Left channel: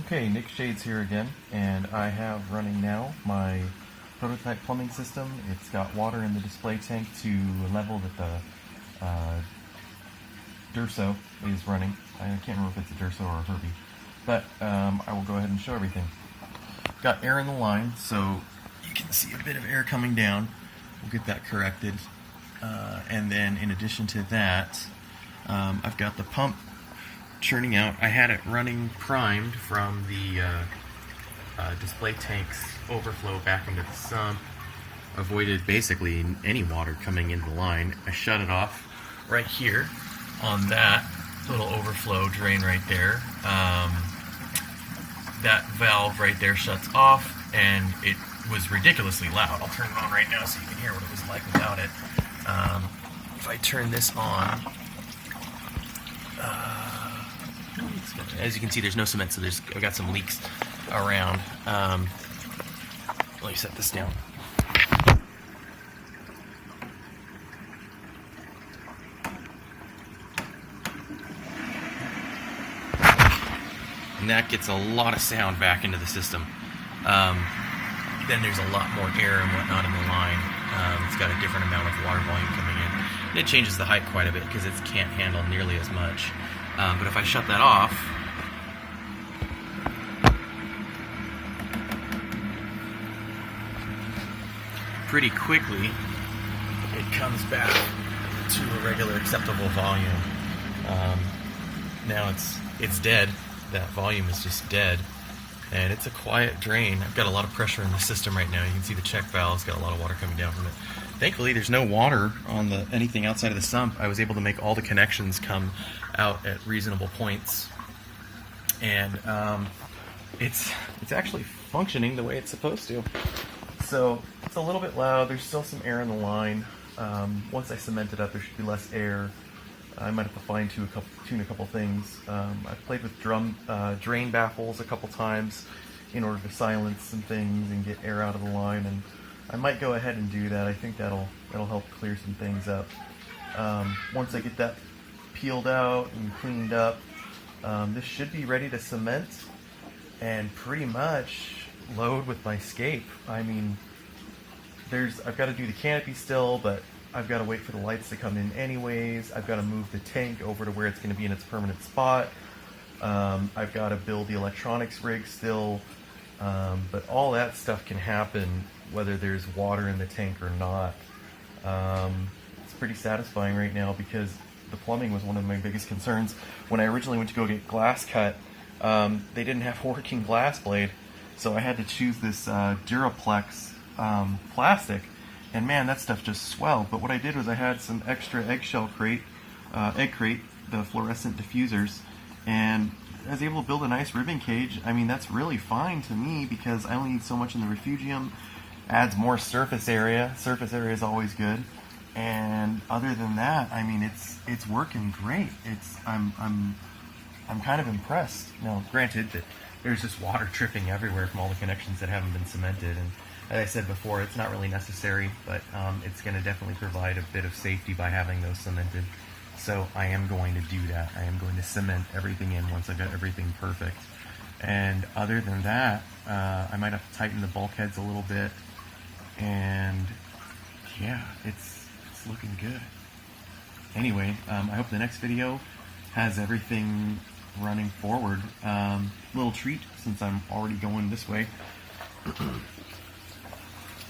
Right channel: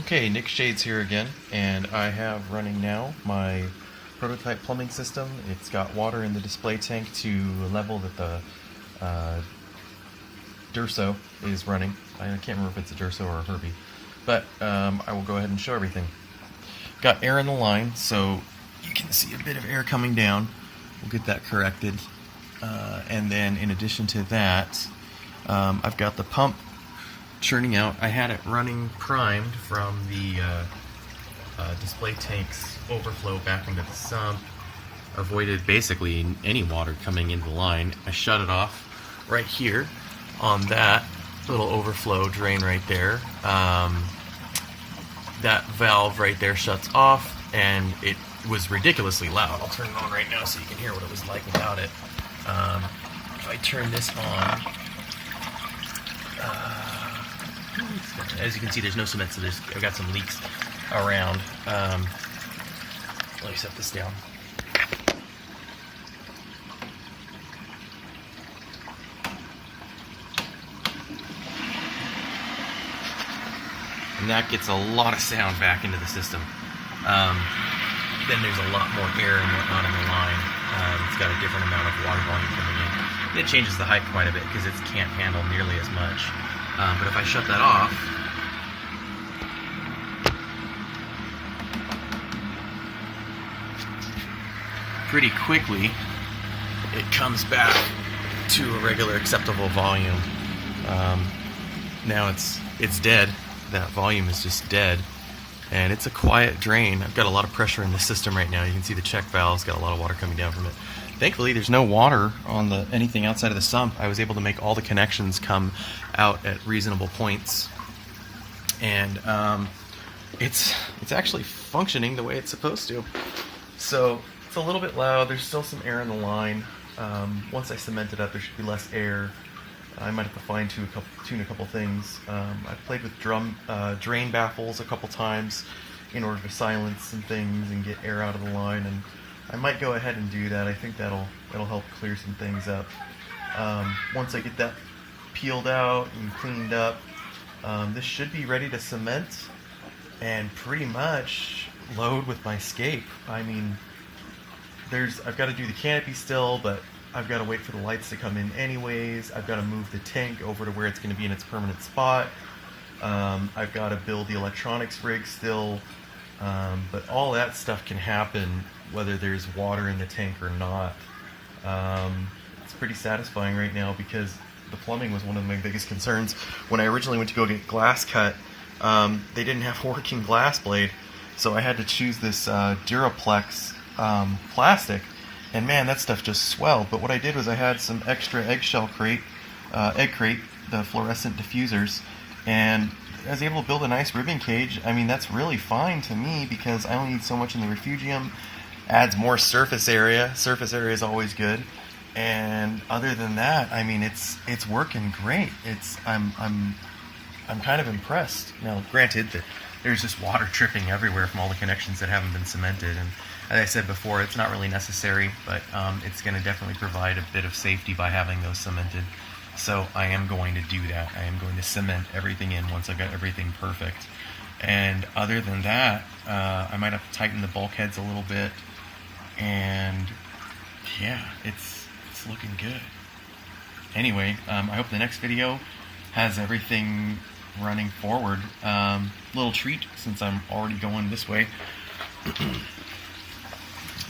Okay, Nick Shades here again, and I have running now my prototype plumbing system. It's got water in the display tank to a level that the Durso is running. I can't remember if it's a Durso or a Herbie, but I will go ahead and show everything. Got air in the line, so you can see a bit of air coming down. We'll get that corrected. And then in addition to that, I've got the pump churning out. I had it running primed from the display tank's overflow back into the sump. Avoided basically any water coming into the line. I shut it off right here on that little overflow drain right there. That valve right there shuts off, and it was ridiculously loud. I'll turn it on right now so you can hear what it was like without it. If I turn this on, as you can see, there's no cement, so I've got some leaks around. Let me set this down. And that gets a lot of sound back into the system. Then there's a lot more air and whatnot in the line. It's got a different amount of water volume coming in. And it changes the height quite a bit because it can't handle nearly as much. But if I shut that off, pretty quickly it comes back to a regular acceptable volume. Now it's dead. That volume is just dead, and it's a quiet drain. I've got a lot of pressure in the system right now. You can see the check valve's got a lot of water coming down from it. Thankfully, there's no water on anything outside of the sump. I was able to make all the connections come out at reasonable points, and it's actually functioning the way it's supposed to. So it's a little bit loud. There's still some air in the line. Once I cement it up, there should be less air. I might have to fine-tune a couple things. I've played with drain baffles a couple times in order to silence some things and get air out of the line, and I might go ahead and do that. I think that'll help clear some things up. Once I get that peeled out and cleaned up, this should be ready to cement and pretty much load with my scape. I mean, I've got to do the canopy still, but I've got to wait for the lights to come in anyways. I've got to move the tank over to where it's going to be in its permanent spot. I've got to build the electronics rig still. But all that stuff can happen whether there's water in the tank or not. It's pretty satisfying right now because the plumbing was one of my biggest concerns. When I originally went to go get glass cut, they didn't have working glass blade, so I had to choose this Duraplex plastic. And man, that stuff just swelled. But what I did was I had some extra egg crate, the fluorescent diffusers, and I was able to build a nice ribbon cage. I mean, that's really fine to me because I only need so much in the refugium. Adds more surface area. Surface area is always good. And other than that, I mean, it's working great. I'm kind of impressed. Now, granted that there's just water dripping everywhere from all the connections that haven't been cemented, and as I said before, it's not really necessary, but it's going to definitely provide a bit of safety by having those cemented. So I am going to do that. I am going to cement everything in once I've got everything perfect. And other than that, I might have to tighten the bulkheads a little bit. And yeah, it's looking good. Anyway, I hope the next video has everything running forward. Little treat since I'm already going this way.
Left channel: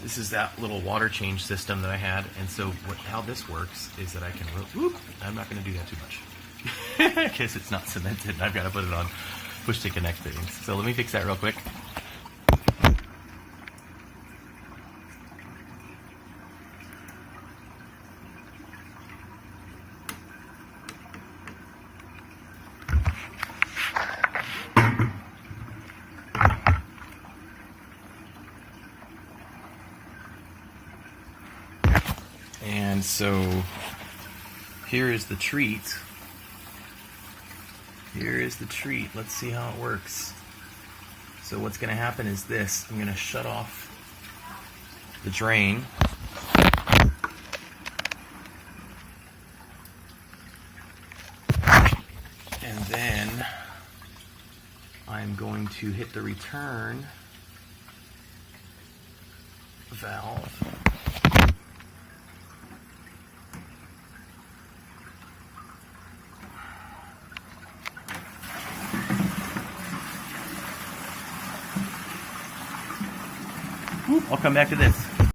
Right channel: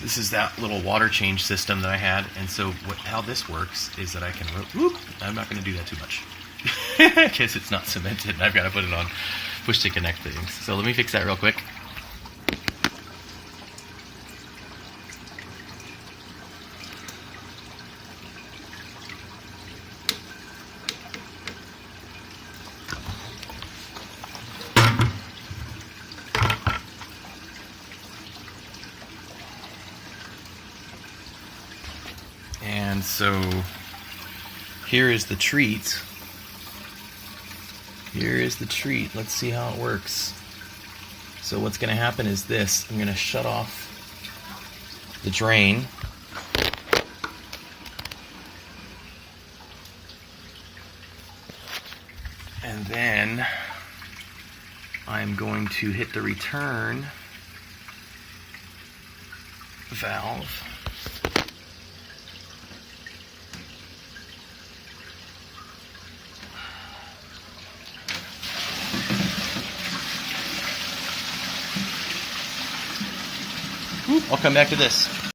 This is that little water change system that I had, and so how this works is that I can, I'm not going to do that too much, because it's not cemented, and I've got to put it on push to connect things. So let me fix that real quick. And so here is the treat. Here is the treat. Let's see how it works. So what's going to happen is this. I'm going to shut off the drain. And then I'm going to hit the return valve. I'll come back to this.